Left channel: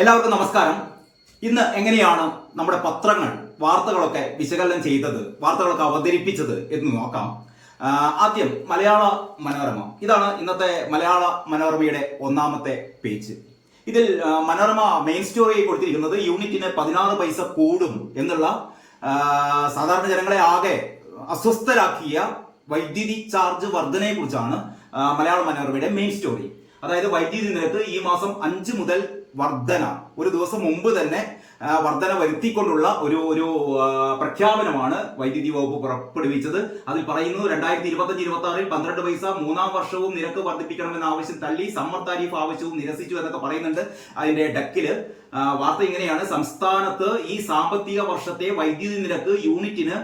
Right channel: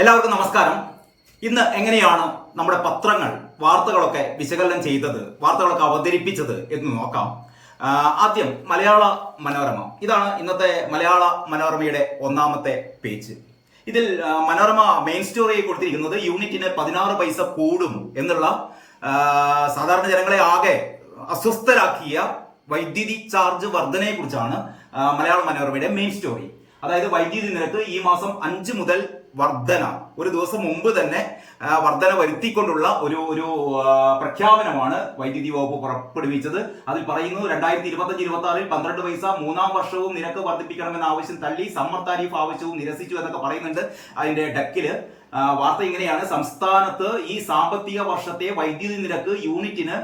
എല്ലാവർക്കും നമസ്കാരം. ഇന്ന് എങ്ങനെയാണ് നമ്മുടെ പത്രങ്ങൾ വാർത്തകളൊക്കെ വിശകലനം ചെയ്തത്, വാർത്തകളൊക്കെ അവതരിപ്പിച്ചത് എന്ന് നോക്കാം. ആദ്യം മലയാള മനോരമ. ഇതാണ് ഇന്നത്തെ മലയാള മനോരമയുടെ ഒന്നാമത്തെ പേജ്. ഇതിൽ മനോരമ മെയിൻ സ്റ്റോറി കൊടുത്തിരിക്കുന്നത് യൂണിറ്റിന് 16 പൈസ കൂടും എന്നുള്ള സാധാരണ ജനങ്ങളെ ആകെ അസ്വസ്ഥരാക്കിയ വൈദ്യുതി ചാർജ് വർധനയെ കുറിച്ചാണ് മലയാള മനോരമയുടെ മെയിൻ സ്റ്റോറി. അതായത് വൈദ്യുതി നിരക്ക് ഈ മാസം 5 മുതൽ വർധന, ഒരു ദിവസം മുമ്പ് തന്നെ വർധന വരുത്തിക്കൊണ്ടുള്ള ഒരു പ്രഖ്യാപനമാണ് വൈദ്യുതി വകുപ്പ് പുറപ്പെടുവിച്ചത്. അതിൽ പറയുന്നു 2025-26 12 പൈസ മൂന്നാം വർഷവും നിരക്ക് വർദ്ധിപ്പിക്കണമെന്ന ആവശ്യം തള്ളി, സമ്മർ താരിഫ് ആവശ്യവും നിരസിച്ചു എന്നൊക്കെ പറയുന്നുണ്ട്. അതിന്റെ ഡെക്കില് വാർത്ത ഇങ്ങനെയാണ്: സംസ്ഥാനത്ത് ഈ സാമ്പത്തിക വർഷത്തെ വൈദ്യുതി നിരക്ക് യൂണിറ്റിന്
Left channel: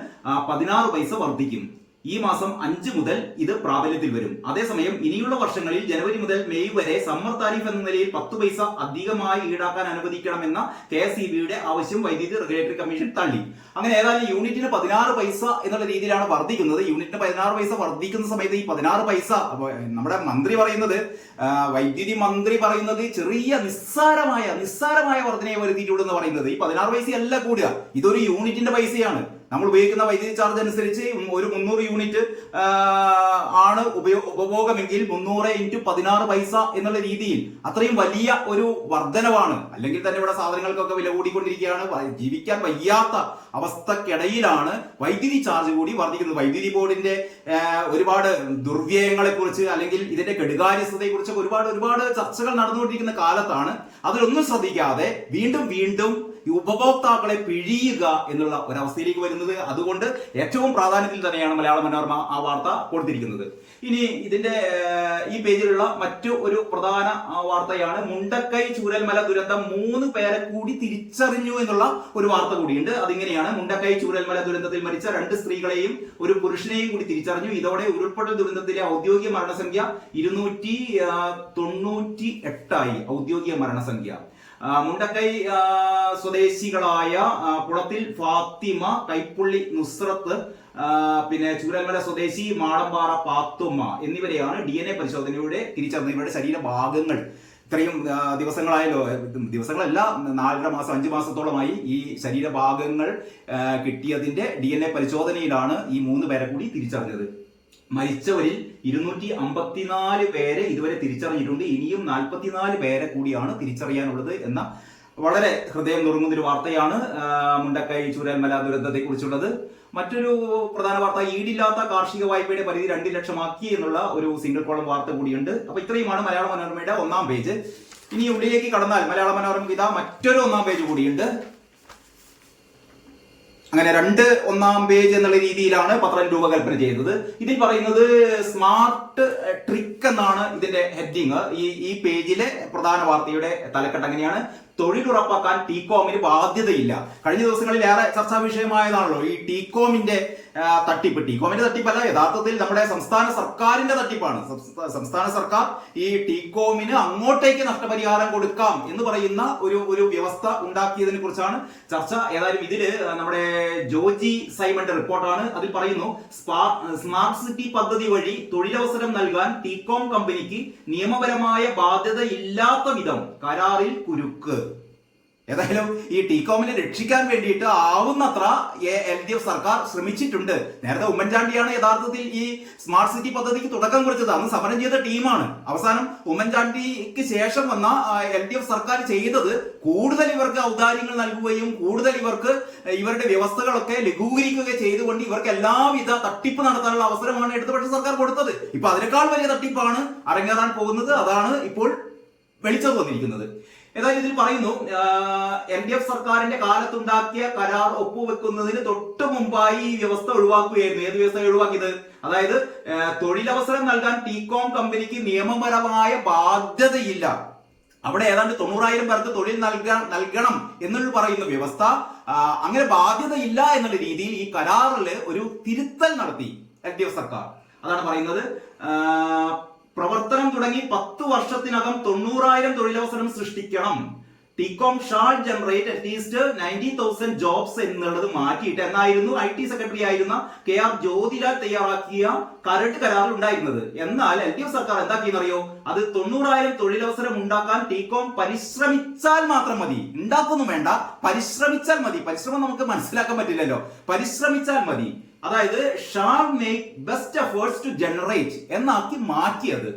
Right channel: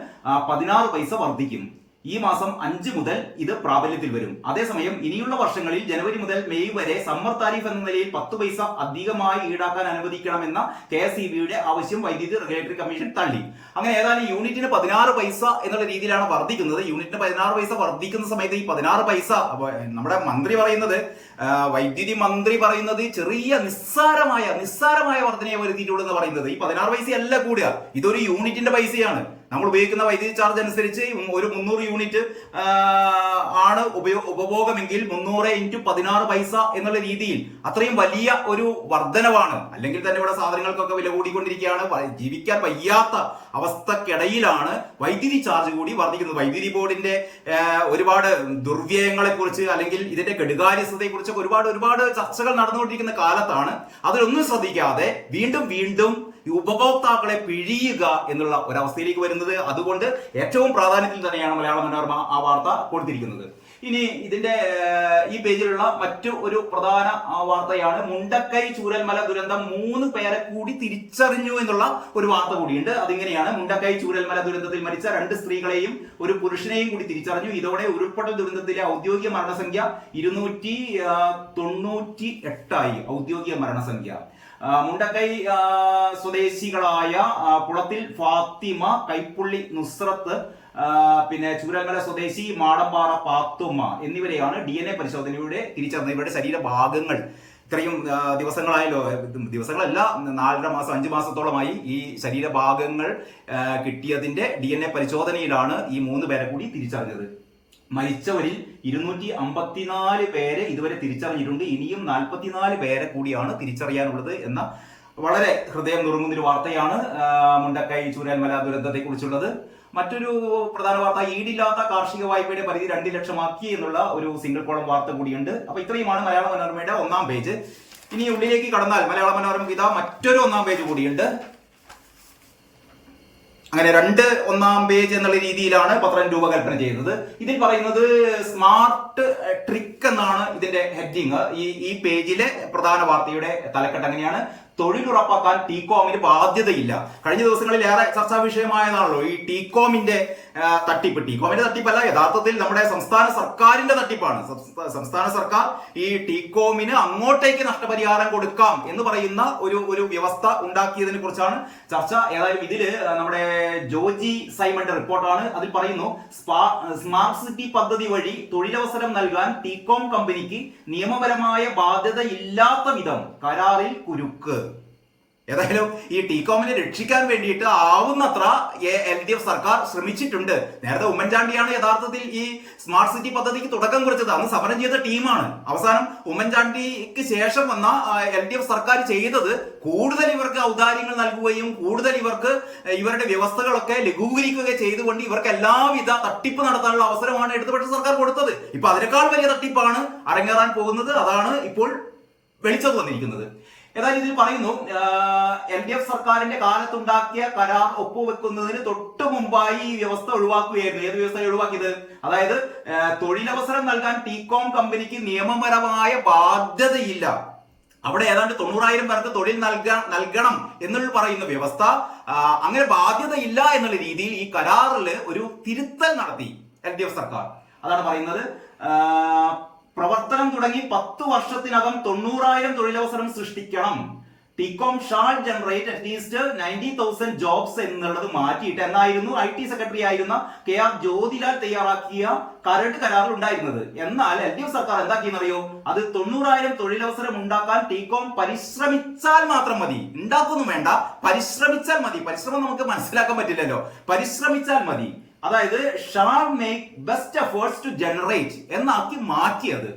16 പൈസ വർദ്ധിക്കും. ഈ മാസം 5 മുതൽ ഇത് പ്രാബല്യത്തിൽ വരും. അതേസമയം ഇനിയുള്ള വർഷങ്ങളിൽ ജനുവരി മുതൽ മെയ് വരെ സമ്മർ താരിഫ് എന്ന നിലയിൽ 10 പൈസ അധികമായി ഈടാക്കാൻ അനുവദിക്കണമെന്ന KSEBയുടെ ആവശ്യം വൈദ്യുതി റെഗുലേറ്ററി കമ്മീഷൻ തള്ളി. അങ്ങനെ ഏതായാലും യൂണിറ്റിന് 16 പൈസ എന്നുള്ള രീതിയിലാണ് വർദ്ധിക്കുന്നത്. യൂണിറ്റിന് 16 പൈസ വർദ്ധിക്കുന്ന സമയത്ത് ഈ 16 പൈസ നമ്മുടെ മന്ത്രി പറയുന്നത്, വൈദ്യുതി മന്ത്രി പറയുന്നത് ചെറിയ നിസ്സാരമായ വർധനയെ വരുത്തിയിട്ടുള്ളൂ എന്ന് പറയുന്നത്. ഈ 16 പൈസയല്ല കൂടുക, ഇതൊരു യൂണിറ്റിന്റെ പൈസയാണ്. നമ്മൾ ഉപയോഗിക്കുന്ന വൈദ്യുതി ചാർജ് അനുസരിച്ച് ഒരു 300 യൂണിറ്റ് ആണ് ഉപഭോഗമെങ്കിൽ 300 × 16 പൈസ എന്നുള്ള രീതിയിൽ അത്രയും വലിയ ഒരു വർധനവാണ്. അല്ലെങ്കിൽ തന്നെ ഇവിടെ സാധനങ്ങൾക്കൊക്കെ വില കൂടിക്കൊണ്ടിരിക്കുകയാണ്. ജീവിക്കാൻ വയ്യാത്ത അവസ്ഥക്കിടയിലാണ് വൈദ്യുതി ചാർജ് കൂടി വർദ്ധിക്കുന്നത്. വൈദ്യുതി ബോർഡിന്റെ ഒരുപാട് ദുർവ്യയങ്ങളെ കുറിച്ച് അല്ലെങ്കിൽ ഇതിന്റെ കെടുകാര്യസ്ഥതയെ കുറിച്ചൊക്കെ ഒരുപാട് ചർച്ചകൾ നടന്നുകൊണ്ടിരിക്കുന്ന കാലത്താണ് അതിലൊന്നും ശ്രദ്ധിക്കാതെ വീണ്ടും ഉപഭോക്താക്കളെ പിഴിയുക എന്നുള്ള ഒരവസ്ഥയിലേക്ക് വരുന്നത്. അതുകൊണ്ട് ഏറ്റവും പ്രാധാന്യത്തിൽ തന്നെയാണ് മലയാള മനോരമ ആ വാർത്ത കൊടുത്തിരിക്കുന്നത്. ഇനി ഇതിന്റെ ഈ പേജിലുള്ള മറ്റു ഒരു പ്രധാന വാർത്തയാണ് മുണ്ടക്കൈ ചൂരൽമല ദുരന്തം 3 പേരെ കൂടി തിരിച്ചറിഞ്ഞു എന്നുള്ള ഒരു വാർത്ത കൂടിയുണ്ട്. അതിങ്ങനെയാണ്: മുണ്ടക്കൈ ചൂരൽമല ദുരന്തത്തിൽ മരിച്ച 2 സ്ത്രീകളെയും ഒരു പുരുഷനെയും കൂടി തിരിച്ചറിഞ്ഞു. ഇതോടെ ഉരുൾപൊട്ടൽ ദുരന്തത്തിലെ ഔദ്യോഗിക മരണസംഖ്യ 298 ഔദ്യോഗിക മരണസംഖ്യ. മുണ്ടക്കൈ സ്വദേശികളായ കുളത്തിൽ ഫാത്തിമ, കൈപ്പുള്ളി നുസ്രത്ത്, പിന്നെ ചൂരൽമല സ്വദേശി മാടമ്പാറ പാത്തുമ്മ എന്നിവരെയാണ് DNA പരിശോധനയുടെ തിരിച്ചറിഞ്ഞത്. ഇവരുടെ ശരീരഭാഗങ്ങൾ ഇത്രയും ദിവസങ്ങളല്ല 4.5 മാസം 5 മാസത്തോളമായി ഈ ശരീരഭാഗങ്ങൾ കിട്ടിയതിന്റെ DNA പരിശോധനയിലാണ് ഈ 3 പേരെ കൂടി തിരിച്ചറിഞ്ഞത്. മരിച്ചവരിൽ 254 പേരെ ഇതുവരെ തിരിച്ചറിഞ്ഞിട്ടുണ്ട്. ഇനിയും 44 പേരെ കൂടിയാണ് തിരിച്ചറിയാനുള്ളത് എന്ന വളരെ ഹൃദയം നുറുങ്ങുന്ന ഒരു വാർത്തയാണ് മുണ്ടക്കൈ ചൂരൽമല ദുരന്തത്തെ കുറിച്ചുള്ളത്. മറ്റൊരു പ്രധാന വാർത്ത, ഈടില്ലാത്ത കാർഷിക വായ്പയുടെ പരിധി 2 ലക്ഷമാക്കി എന്നുള്ള ഒരു സിംഗിൾ കോളം വാർത്ത കൂടിയുണ്ട്. അപ്പൊ ഇത്രയുമാണ് മലയാള മനോരമയുടെ ഒന്നാം പേജ്. ഇനി ഉള്ളിലേക്ക് കടന്നാൽ മലയാള മനോരമ ഇതാ മറ്റൊരു ഒന്നാം പേജ് കൂടിയുണ്ട്. അങ്ങനെ 2 ഒന്നാം പേജ് എന്നുള്ള രീതിയിലാണ് പത്രം രൂപകൽപ്പന ചെയ്തത്. ഇതിൽ പറയുന്നത് സ്മാർട്ട് ട്രിക്ക് എന്നാണ് ഇതിന്റെ ഹെഡിങ്. ഈ പേജിലെ പ്രധാന വാർത്തയുടെ തലക്കെട്ട് അങ്ങനെയാണ്: തൊഴിലുറപ്പാക്കാൻ ടീകോമിന് ബാധ്യതയില്ല. കഴിഞ്ഞ ദിവസങ്ങളിൽ ഏറെ ചർച്ചാ വിഷയമായതാണല്ലോ ഈ ടീകോമിന്റെ തട്ടിപ്പ്. ടീകോമിന്റെ തട്ടിപ്പല്ല, യഥാർത്ഥത്തിൽ നമ്മുടെ സംസ്ഥാന സർക്കാരിന്റെ തട്ടിപ്പാണ്. സംസ്ഥാന സർക്കാർ ഈ ടീകോമിന് അങ്ങോട്ടേക്ക് നഷ്ടപരിഹാരം കൊടുക്കാം എന്ന് പറയുന്ന ഒരു വ്യവസ്ഥ ഉണ്ടാക്കിയതിനെ കുറിച്ചാണ് ചർച്ച. ഏതായാലും ഇതില് നമ്മുടെ ജോജി സൈമന്റെ റിപ്പോർട്ടാണ്. അതിൽ പറയുന്നു, സ്മാർട്ട് സിറ്റി പദ്ധതി വഴി തൊഴിലവസരം നൽകാൻ ടീകോം കമ്പനിക്ക് നിയമപരമായ ബാധ്യത ഇല്ലാത്ത വിധം കരാറിൽ കുരുക്ക്. ഏതായാലും ഈ ടീകോമിനെ രക്ഷിക്കാൻ വേണ്ടിയിട്ട് ആവുന്നത്ര LDF സർക്കാർ ശ്രമിച്ചിട്ടുണ്ട്. നേരത്തെ ഉമ്മൻചാണ്ടിയാണ് യഥാർത്ഥത്തിൽ ഈ സ്മാർട്ട് സിറ്റി പദ്ധതിക്ക് തുടക്കം കുറിച്ചത്. അന്ന് സമരം ചെയ്ത ടീമാണ്. അവസാനം ഉമ്മൻചാണ്ടിക്ക് ശേഷം വന്ന LDF സർക്കാർ ചെയ്തത് കൂടുതൽ ഇവർക്ക് ഔദാര്യങ്ങൾ നൽകുകയും കൂടുതൽ ഇവരുടെ വ്യവസ്ഥകളൊക്കെ ലഘൂകരിക്കുകയും ചെയ്തുകൊണ്ട് ഇവർക്ക് എല്ലാവിധ തട്ടിപ്പ് നടത്താനുള്ള അവസരമാണ് ഇടതുപക്ഷ സർക്കാർ കൊടുത്തത്. ഇപ്പൊ അതിനേക്കാൾ വലിയ തട്ടിപ്പാണ് അരങ്ങേറാൻ പോകുന്നത്. അതാണ് ഇപ്പോൾ വെളിച്ചം വന്നിരിക്കുന്നത്. ഏതായാലും ഇതിൽ പറയുന്നു, LDF സർക്കാരിന്റെ കാലത്തുണ്ടാക്കിയ കരാർ ഒപ്പുവെക്കുന്നതിന് തൊട്ട് മുമ്പായി ഈ വ്യവസ്ഥ ഒഴിവാക്കുകയായിരുന്നു. ഏത് വ്യവസ്ഥ ഒഴിവാക്കിയത്? അതായത് തൊഴിലവസരം നൽകാൻ ടീകോം കമ്പനിക്ക് നിയമപരമായ ബാധ്യതയില്ല. അവിടെ ഏതാണ്ട് 90,000 പേർക്ക് തൊഴിൽ നൽകണം എന്നുള്ള പറയുന്ന വ്യവസ്ഥ, അങ്ങനെ ബാധ്യതയില്ല എന്നുള്ള രീതിയിൽ ഈ കരാറിൽ ഒരു തിരുത്തൽ നടത്തി LDF സർക്കാർ. അതാണ് പറയുന്നത്. പ്രവർത്തനം തുടങ്ങി 10 വർഷത്തിനകം 90,000 തൊഴിലവസരം സൃഷ്ടിക്കണം. TECOM shawl generate at least 90,000 jobs എന്നുള്ളത് മാറ്റിയിട്ട് എന്നായിരുന്നു IT സെക്രട്ടറി ആയിരുന്ന KR ജ്യോതിലാൽ തയ്യാറാക്കിയ കരട് കരാറിൽ ഉണ്ടായിരുന്നത്. എന്നാൽ LDF സർക്കാർ എന്താക്കിയെന്നറിയോ? അത് 90,000 തൊഴിലവസരം ഉണ്ടാക്കാൻ ടികോം പരിശ്രമിച്ചാൽ മാത്രം മതി, ഉണ്ടാക്കൊന്നും വേണ്ട, പരിശ്രമിച്ചാൽ മതി. പരിശ്രമം നമുക്ക് മനസ്സിലാക്കാൻ പറ്റില്ലല്ലോ. പരിശ്രമിച്ചാൽ മതി, അതായത് shall make best efforts to generate എന്നാക്കി മാറ്റിയത്.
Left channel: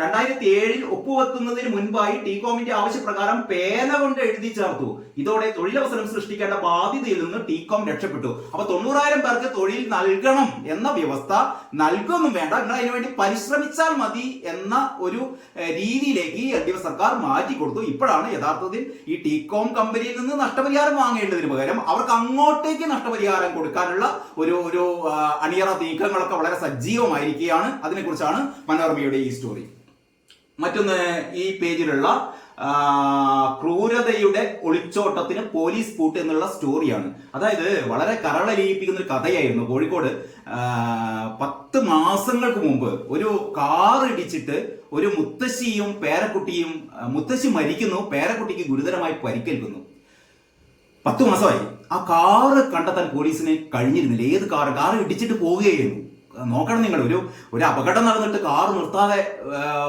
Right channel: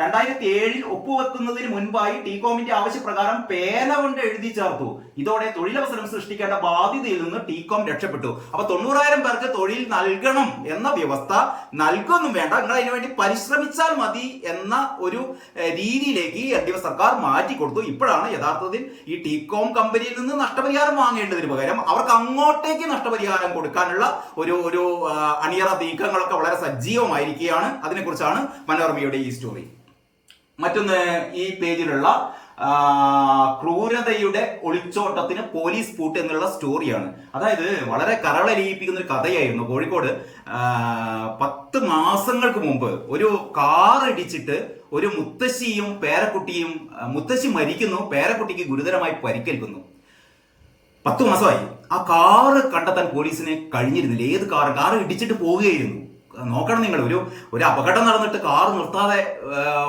2007 ഒപ്പുവെക്കുന്നതിന് മുൻപായി ടികോമിന്റെ ആവശ്യപ്രകാരം പേന കൊണ്ട് എഴുതി ചേർത്തു. ഇതോടെ തൊഴിലവസരം സൃഷ്ടിക്കേണ്ട ബാധ്യതയിൽ നിന്ന് ടികോം രക്ഷപ്പെട്ടു. അപ്പൊ 90,000 പേർക്ക് തൊഴിൽ നൽകണം എന്ന വ്യവസ്ഥ നൽകൊന്നും വേണ്ട, നിങ്ങൾ അതിനുവേണ്ടി പരിശ്രമിച്ചാൽ മതി എന്ന ഒരു രീതിയിലേക്ക് LDF സർക്കാർ മാറ്റിക്കൊടുത്തു. ഇപ്പോഴാണ് യഥാർത്ഥത്തിൽ ഈ ടികോം കമ്പനിയിൽ നിന്ന് നഷ്ടപരിഹാരം വാങ്ങേണ്ടതിന് പകരം അവർക്ക് അങ്ങോട്ടേക്ക് നഷ്ടപരിഹാരം കൊടുക്കാനുള്ള ഒരു അണിയറ നീക്കങ്ങളൊക്കെ വളരെ സജീവമായിരിക്കുകയാണ്. അതിനെക്കുറിച്ചാണ് മനോരമയുടെ ഈ സ്റ്റോറി. മറ്റൊന്ന്, ഈ പേജിലുള്ള ക്രൂരതയുടെ ഒളിച്ചോട്ടത്തിന് പോലീസ് പൂട്ട് എന്നുള്ള സ്റ്റോറിയാണ്. അതായത് വളരെ കരളലിയിപ്പിക്കുന്ന ഒരു കഥയായിരുന്നു. കോഴിക്കോട് 10 മാസങ്ങൾക്ക് മുമ്പ് ഒരു കാർ ഇടിച്ചിട്ട് ഒരു മുത്തശ്ശിയും പേരക്കുട്ടിയും, മുത്തശ്ശി മരിക്കുന്നു, പേരക്കുട്ടിക്ക് ഗുരുതരമായി പരിക്കേൽക്കുന്നു. 10 മാസമായി ആ കാറ് കണ്ടെത്താൻ പോലീസിന് കഴിഞ്ഞിരുന്നില്ല. ഏത് കാറ് ഇടിച്ചിട്ട് പോവുകയായിരുന്നു. നോക്കണം നിങ്ങൾ, ഒരു അപകടം നടന്നിട്ട് കാർ നിർത്താതെ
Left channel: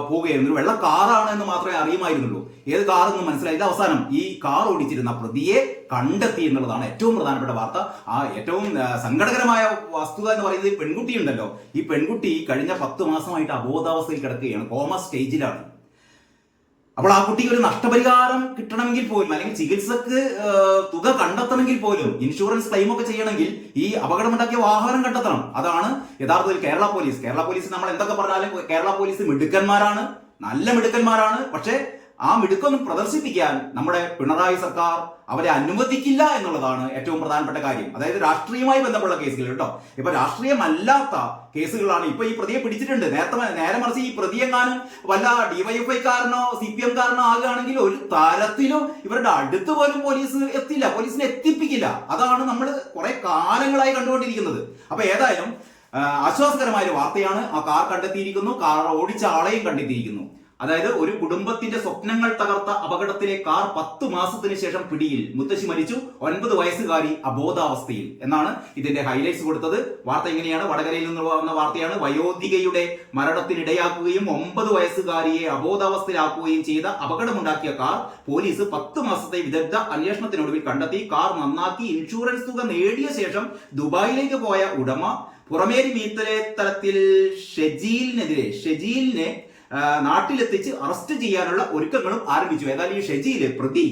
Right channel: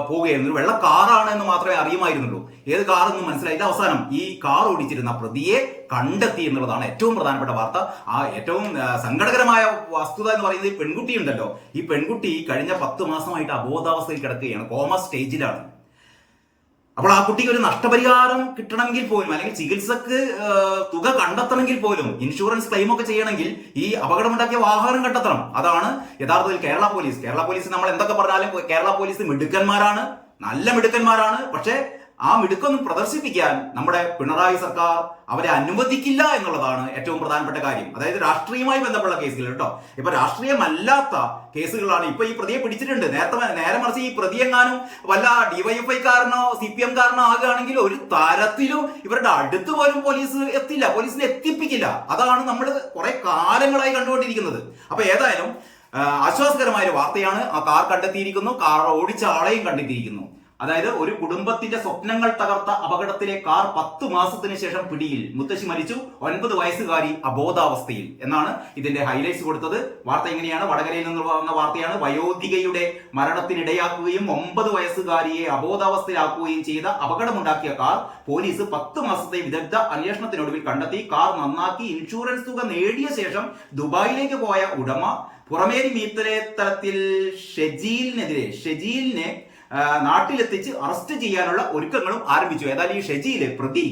പോവുകയായിരുന്നു. ഒരു വെള്ള കാറാണ് എന്ന് മാത്രമേ അറിയുമായിരുന്നുള്ളൂ. ഏത് കാറെന്ന് മനസ്സിലായില്ല. അവസാനം ഈ കാർ ഓടിച്ചിരുന്ന പ്രതിയെ കണ്ടെത്തി എന്നുള്ളതാണ് ഏറ്റവും പ്രധാനപ്പെട്ട വാർത്ത. ആ ഏറ്റവും സങ്കടകരമായ വസ്തുത എന്ന് പറയുന്നത് ഈ പെൺകുട്ടി ഉണ്ടല്ലോ, ഈ പെൺകുട്ടി കഴിഞ്ഞ 10 മാസമായിട്ട് അബോധാവസ്ഥയിൽ കിടക്കുകയാണ്, കോമ സ്റ്റേജിലാണ്. അപ്പോൾ ആ കുട്ടിക്ക് ഒരു നഷ്ടപരിഹാരം കിട്ടണമെങ്കിൽ പോലും, അല്ലെങ്കിൽ ചികിത്സക്ക് തുക കണ്ടെത്തണമെങ്കിൽ പോലും, ഇൻഷുറൻസ് ക്ലെയിം ഒക്കെ ചെയ്യണമെങ്കിൽ ഈ അപകടമുണ്ടാക്കിയ വാഹനം കണ്ടെത്തണം. അതാണ് യഥാർത്ഥത്തിൽ കേരള പോലീസ് നമ്മൾ എന്തൊക്കെ പറഞ്ഞാലും കേരള പോലീസ് മിടുക്കന്മാരാണ്, നല്ല മിടുക്കന്മാരാണ്. പക്ഷേ ആ മിടുക്കൊന്നും പ്രദർശിപ്പിക്കാൻ നമ്മുടെ പിണറായി സർക്കാർ അവരെ അനുവദിക്കില്ല എന്നുള്ളതാണ് ഏറ്റവും പ്രധാനപ്പെട്ട കാര്യം. അതായത് രാഷ്ട്രീയമായി ബന്ധപ്പെട്ട കേസുകൾ കേട്ടോ. ഇപ്പൊ രാഷ്ട്രീയമല്ലാത്ത കേസുകളാണ്. ഇപ്പൊ ഈ പ്രതിയെ പിടിച്ചിട്ടുണ്ട്. നേരെ മറിച്ച് ഈ പ്രതിയെങ്ങാനും വല്ല DYFI കാരനോ CPM കാരനോ ആകുകയാണെങ്കിൽ ഒരു തരത്തിലും ഇവരുടെ അടുത്ത് പോലും പോലീസ് എത്തില്ല, പോലീസിനെ എത്തിപ്പിക്കില്ല. അതാണ് നമ്മൾ കുറെ കാലങ്ങളായി കണ്ടുകൊണ്ടിരിക്കുന്നത്. അപ്പൊ ഏതായാലും ആശ്വാസകരമായ ഒരു വാർത്തയാണ്. ആ കാർ കണ്ടെത്തിയിരിക്കുന്നു, കാർ ഓടിച്ച ആളെയും കണ്ടെത്തിയിരിക്കുന്നു. അതായത് ഒരു കുടുംബത്തിന്റെ സ്വപ്നങ്ങൾ തകർത്ത അപകടത്തിലെ കാർ 10 മാസത്തിന് ശേഷം പിടിയിൽ, മുത്തശ്ശി മരിച്ചു, 9 വയസ്സുകാരി അബോധാവസ്ഥയിൽ എന്നാണ് ഇതിന്റെ ഹൈലൈറ്റ്സ് കൊടുത്തത്. വാർത്ത എങ്ങനെയാണ്? വടകരയിൽ നിന്ന് വന്ന വാർത്തയാണ്. വയോധികയുടെ മരണത്തിനിടയാക്കുകയും 9 വയസ്സുകാരിയെ അബോധാവസ്ഥയിലാക്കുകയും ചെയ്ത അപകടമുണ്ടാക്കിയ കാർ പോലീസ് 10 മാസത്തെ വിദഗ്ധ അന്വേഷണത്തിനൊടുവിൽ കണ്ടെത്തി. കാർ നന്നാക്കി ഇൻഷുറൻസ് തുക നേടിയ ശേഷം ദുബായിലേക്ക് പോയ ഉടമ പുറമേരി മീത്തലത്തിൽ ഷെജീലിനെ നാട്ടിലെത്തിച്ച് അറസ്റ്റ് ചെയ്യാനുള്ള ഒരുക്കങ്ങളും ആരംഭിച്ചു. ഏതായാലും ഈ ഷെജീല് പ്രതി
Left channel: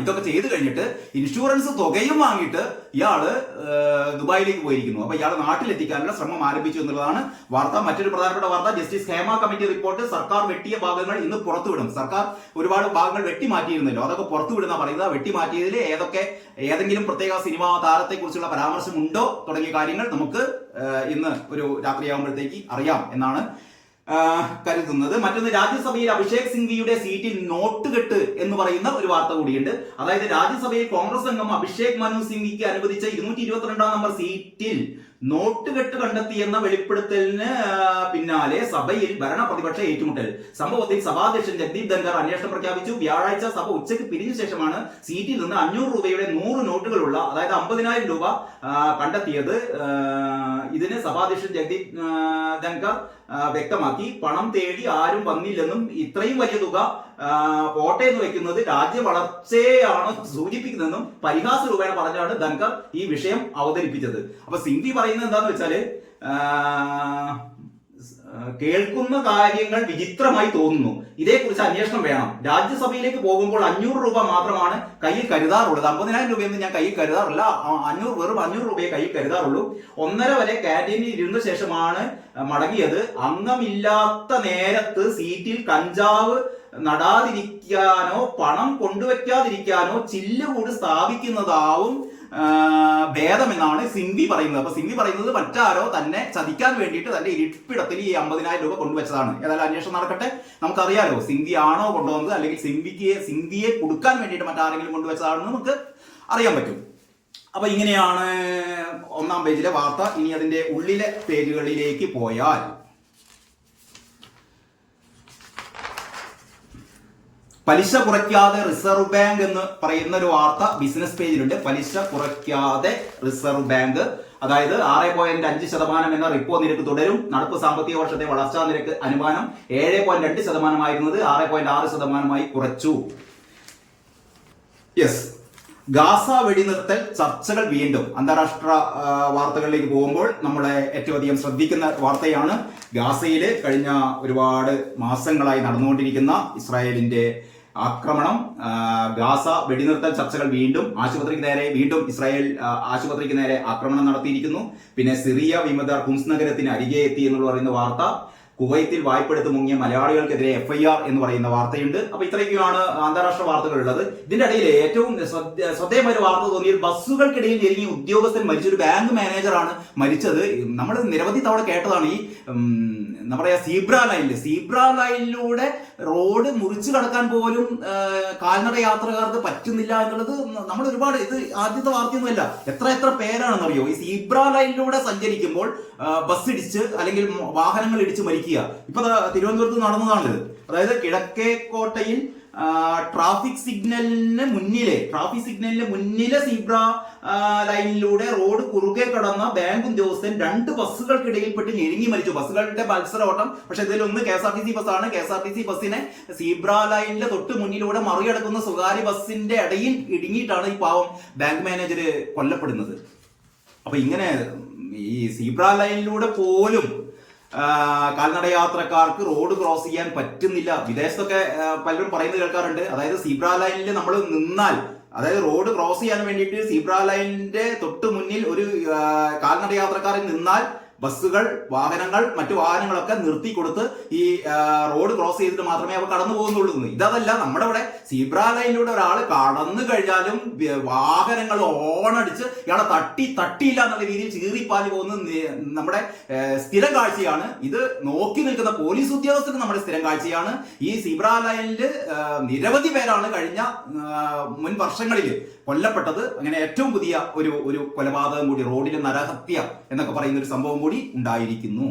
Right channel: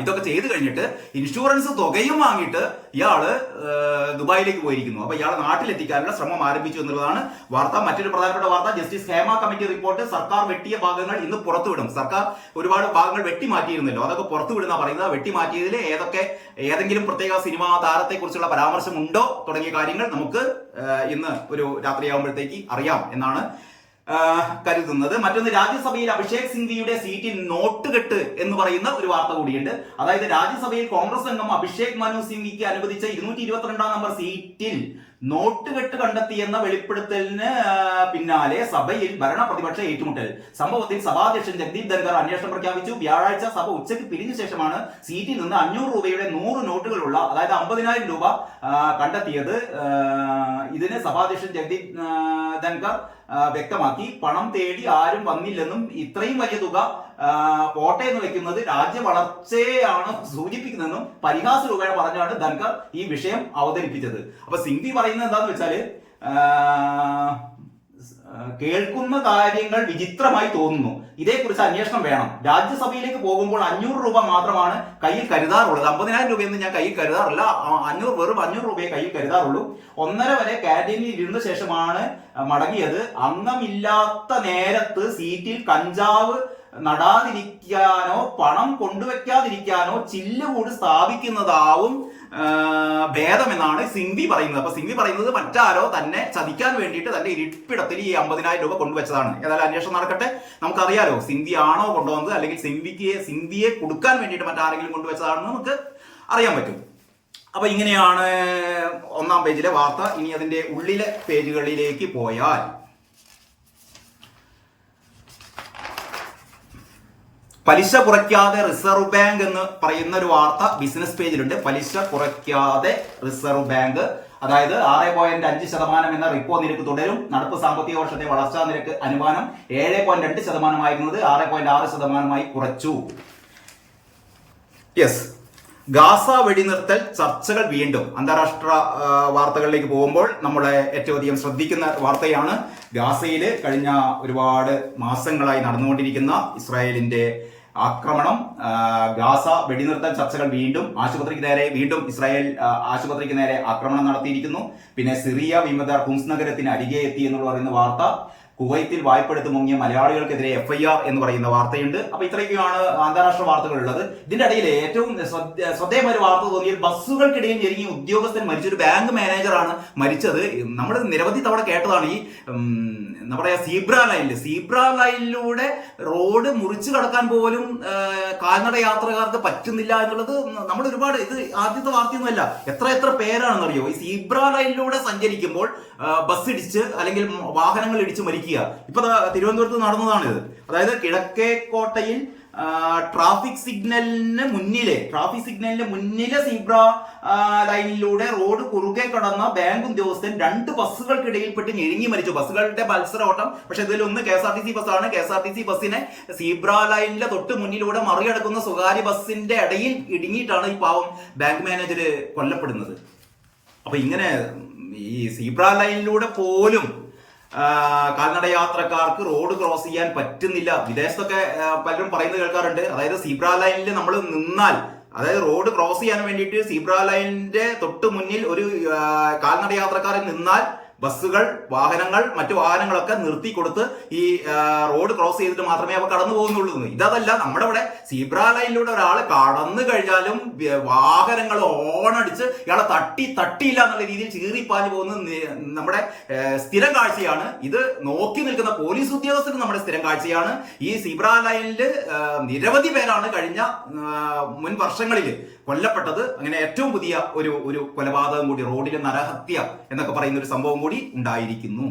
ഇതൊക്കെ ചെയ്തു കഴിഞ്ഞിട്ട് ഇൻഷുറൻസ് തുകയും വാങ്ങിയിട്ട് ഇയാള് ദുബായിലേക്ക് പോയിരിക്കുന്നു. അപ്പൊ ഇയാളെ നാട്ടിലെത്തിക്കാനുള്ള ശ്രമം ആരംഭിച്ചു എന്നുള്ളതാണ് വാർത്ത. മറ്റൊരു പ്രധാനപ്പെട്ട വാർത്ത, ജസ്റ്റിസ് ഹേമ കമ്മിറ്റി റിപ്പോർട്ട് സർക്കാർ വെട്ടിയ ഭാഗങ്ങൾ ഇന്ന് പുറത്തുവിടും. സർക്കാർ ഒരുപാട് ഭാഗങ്ങൾ വെട്ടിമാറ്റിയിരുന്നല്ലോ, അതൊക്കെ പുറത്തുവിടുന്ന പറയുന്നത്. വെട്ടിമാറ്റിയതിൽ ഏതെങ്കിലും പ്രത്യേക സിനിമാ താരത്തെ കുറിച്ചുള്ള പരാമർശമുണ്ടോ തുടങ്ങിയ കാര്യങ്ങൾ നമുക്ക് ഇന്ന് ഒരു രാത്രിയാകുമ്പോഴത്തേക്ക് അറിയാം എന്നാണ് കരുതുന്നത്. മറ്റൊന്ന്, രാജ്യസഭയിൽ അഭിഷേക് സിംഗ്വിയുടെ സീറ്റിൽ നോട്ടുകെട്ട് എന്ന് പറയുന്ന ഒരു വാർത്ത കൂടിയുണ്ട്. അതായത് രാജ്യസഭയിൽ കോൺഗ്രസ് അംഗം അഭിഷേക് മനു സിംഗ്വിക്ക് അനുവദിച്ച 222 നമ്പർ സീറ്റിൽ നോട്ടുകെട്ട് കണ്ടെത്തിയെന്ന വെളിപ്പെടുത്തലിന് പിന്നാലെ സഭയിൽ ഭരണ പ്രതിപക്ഷ ഏറ്റുമുട്ടൽ. സംഭവത്തിൽ സഭാധ്യക്ഷൻ ജഗ്ദീപ് ധൻഖർ അന്വേഷണം പ്രഖ്യാപിച്ചു. വ്യാഴാഴ്ച സഭ ഉച്ചയ്ക്ക് പിരിഞ്ഞ ശേഷമാണ് സീറ്റിൽ നിന്ന് 500 രൂപയുടെ 100 നോട്ടുകളുള്ള, അതായത് 50,000 രൂപ കണ്ടെത്തിയത്. ഇതിന് സഭാധ്യക്ഷൻ ജഗ്ദീപ് ധൻഖർ വ്യക്തമാക്കി, പണം തേടി ആരും വന്നില്ലെന്നും ഇത്രയും വലിയ തുക പോട്ടെ എന്ന് വെക്കുന്നത് രാജ്യ വളർച്ചയാണ് സൂചിപ്പിക്കുന്നതെന്നും പരിഹാസ രൂപേണ പറഞ്ഞാണ് ധൻഖർ ഈ വിഷയം അവതരിപ്പിച്ചത്. അപ്പൊ സിംഗ്വി പറയുന്നത് എന്താന്ന് വെച്ചാല്, കേൾക്കുന്ന കാര്യങ്ങൾ വിചിത്രമായി തോന്നുന്നു, ഇതേക്കുറിച്ച് അന്വേഷണം വേണം. രാജ്യസഭയിലേക്ക് പോകുമ്പോൾ 500 രൂപ മാത്രമാണ് കയ്യിൽ കരുതാറുള്ളത്. 50,000 രൂപയൊന്നും ഞാൻ കയ്യിൽ കരുതാറില്ല. വെറും 500 രൂപയെ കയ്യിൽ കരുതാറുള്ളൂ. 1:30 വരെ ക്യാന്റീനിൽ ഇരുന്ന ശേഷമാണ് മടങ്ങിയത്. അംഗമില്ലാത്ത നേരത്ത് സീറ്റിൽ കഞ്ചാവ് നടാതിരിക്കാനോ പണം കൊണ്ടുവയ്ക്കാതിരിക്കാനോ ചില്ലുകൂട് സ്ഥാപിക്കുന്നതാവും ഭേദമെന്നാണ് സിംഗ്വി പറയുന്നത്. അപ്പൊ സിംഗ്വി പറയുന്നത് മറ്റാരോ തന്നെ ചതിക്കാൻ വേണ്ടിയിട്ട് തന്റെ ഇരിപ്പിടത്തിൽ ഈ 50,000 രൂപ കൊണ്ടുവച്ചതാണ്. ഏതായാലും അന്വേഷണം നടക്കട്ടെ. നമുക്കറിയാലോ സിംഗ്വി ആണോ കൊണ്ടുവന്നത്, അല്ലെങ്കിൽ സിംഗ്വിയെ കൊടുക്കാൻ വേണ്ടിയിട്ട് മറ്റാരെങ്കിലും കൊണ്ടുവച്ചതാണെന്ന് നമുക്ക് അറിയാൻ പറ്റും. അപ്പൊ ഇങ്ങനെയാണ് 1-ാം പേജിലെ വാർത്ത. ഇനി അതിന്റെ ഉള്ളിലെ പേജുകളിലേക്ക് പോയാൽ പലിശ കുറയ്ക്കാതെ റിസർവ് ബാങ്ക് എന്ന് പറയുന്ന ഒരു വാർത്ത ബിസിനസ് പേജിലുണ്ട്. പലിശ കുറയ്ക്കാതെ റിസർവ് ബാങ്ക്, അതായത് 6.5% എന്ന റിപ്പോ നിരക്ക് തുടരും. നടപ്പ് സാമ്പത്തിക വർഷത്തെ വളർച്ചാ നിരക്ക് അനുമാനം 7.2% ആയിരുന്നത് 6.6% കുറച്ചു. യെസ്, ഗാസ വെടിനിർത്തൽ ചർച്ചകൾ വീണ്ടും. അന്താരാഷ്ട്ര വാർത്തകളിലേക്ക് പോകുമ്പോൾ നമ്മളെ ഏറ്റവും അധികം ശ്രദ്ധിക്കുന്ന വാർത്തയാണ് ഗാസയില് കഴിഞ്ഞ ഒരുപാട് മാസങ്ങളായി നടന്നുകൊണ്ടിരിക്കുന്ന ഇസ്രായേലിന്റെ ആക്രമണം. ഗാസ വെടിനിർത്തൽ ചർച്ചകൾ വീണ്ടും. ആശുപത്രിക്ക് നേരെ വീണ്ടും ഇസ്രായേൽ ആശുപത്രിക്ക് നേരെ ആക്രമണം നടത്തിയിരിക്കുന്നു. പിന്നെ സിറിയ വിമതർ ഹുംസ് നഗരത്തിന് അരികെ എത്തി എന്നുള്ള പറയുന്ന വാർത്ത. കുവൈത്തിൽ വായ്പെടുത്ത് മുങ്ങിയ മലയാളികൾക്കെതിരെ FIR എന്ന് പറയുന്ന വാർത്തയുണ്ട്. അപ്പൊ ഇത്രയൊക്കെയാണ് അന്താരാഷ്ട്ര വാർത്തകൾ ഉള്ളത്. ഇതിന്റെ ഇടയിൽ ഏറ്റവും ശ്രദ്ധേയമായ ഒരു വാർത്ത തോന്നിയത് ബസ്സുകൾക്കിടയിൽ ഞെരുങ്ങിയ ഉദ്യോഗസ്ഥൻ മരിച്ച ഒരു ബാങ്ക് മാനേജറാണ് മരിച്ചത്. നമ്മൾ നിരവധി തവണ കേട്ടതാണ്. ഈ എന്താ പറയാ, സീബ്ര ലൈനിലൂടെ റോഡ് മുറിച്ചു കടക്കാൻ പോലും കാൽനട യാത്രക്കാർക്ക് പറ്റുന്നില്ല എന്നുള്ളത് നമ്മൾ ഒരുപാട്, ഇത് ആദ്യത്തെ വാർത്തയൊന്നുമല്ല. എത്ര പേരാണെന്നറിയോ ഈ സീബ്ര ലൈനിലൂടെ സഞ്ചരിക്കുമ്പോൾ ബസ് ഇടിച്ച് അല്ലെങ്കിൽ വാഹനങ്ങൾ ഇടിച്ച് മരിക്കുക. ഇപ്പൊ തിരുവനന്തപുരത്ത് നടന്നതാണിത്. അതായത് കിഴക്കേക്കോട്ടയിൽ ട്രാഫിക് സിഗ്നലിന് മുന്നിലെ സീബ്ര ലൈനിലൂടെ റോഡ് കുറുകെ കടന്ന ബാങ്ക് ഉദ്യോഗസ്ഥൻ 2 ബസ്സുകൾക്കിടയിൽപ്പെട്ട് ഞെരുങ്ങി മരിച്ചു. ബസ്സുകളുടെ മത്സര ഓട്ടം. പക്ഷെ ഇതിലൊന്ന് KSRTC ബസ്സാണ്. KSRTC ബസ്സിനെ സീബ്ര ലൈനിലെ തൊട്ട് മുന്നിലൂടെ മറികടക്കുന്ന സ്വകാര്യ ബസ്സിന്റെ ഇടയിൽ ഇടുങ്ങിയിട്ടാണ് ഈ പാവം ബാങ്ക് മാനേജർ കൊല്ലപ്പെടുന്നത്. അപ്പൊ ഇങ്ങനെ ഈ സീബ്ര ലൈനിലൂടെ പോലും കാൽനട യാത്രക്കാർക്ക് റോഡ് ക്രോസ് ചെയ്യാൻ പറ്റുന്നില്ല. വിദേശത്തൊക്കെ പലരും പറയുന്നത് കേൾക്കാറുണ്ട്. അതായത് സീബ്ര ലൈനിൽ നമ്മൾ നിന്നാൽ, അതായത് റോഡ് ക്രോസ് ചെയ്യാൻ വേണ്ടിയിട്ട് സീബ്ര ലൈനിന്റെ തൊട്ട് മുന്നിൽ ഒരു കാൽനട യാത്രക്കാരൻ നിന്നാൽ ബസ്സുകൾ, വാഹനങ്ങൾ, മറ്റു വാഹനങ്ങളൊക്കെ നിർത്തി കൊടുത്ത് ഈ റോഡ് ക്രോസ് ചെയ്തിട്ട് മാത്രമേ അവ കടന്നു പോകുന്നുള്ളൂ. ഇതല്ല, നമ്മുടെ ഇവിടെ സീബ്ര ലൈനിലൂടെ ഒരാൾ കടന്നു കഴിഞ്ഞാലും വാഹനങ്ങൾ ഓണടിച്ച് ഇയാളെ തട്ടിയില്ല എന്നുള്ള രീതിയിൽ ചീറിപ്പാഞ്ഞു പോകുന്നത് നമ്മുടെ സ്ഥിരം കാഴ്ചയാണ്. ഇത് നോക്കി നിൽക്കുന്ന പോലീസ് ഉദ്യോഗസ്ഥരും നമ്മുടെ സ്ഥിരം കാഴ്ചയാണ്. ഈ സീബ്ര ലൈനിൽ നിരവധി പേരാണ് കഴിഞ്ഞ മുൻ വർഷങ്ങളിൽ കൊല്ലപ്പെട്ടത്. അങ്ങനെ ഏറ്റവും പുതിയ ഒരു കൊലപാതകം കൂടി, റോഡിലെ നരഹത്യ എന്നൊക്കെ പറയുന്ന ഒരു സംഭവം കൂടി ഉണ്ടായിരിക്കുന്നു.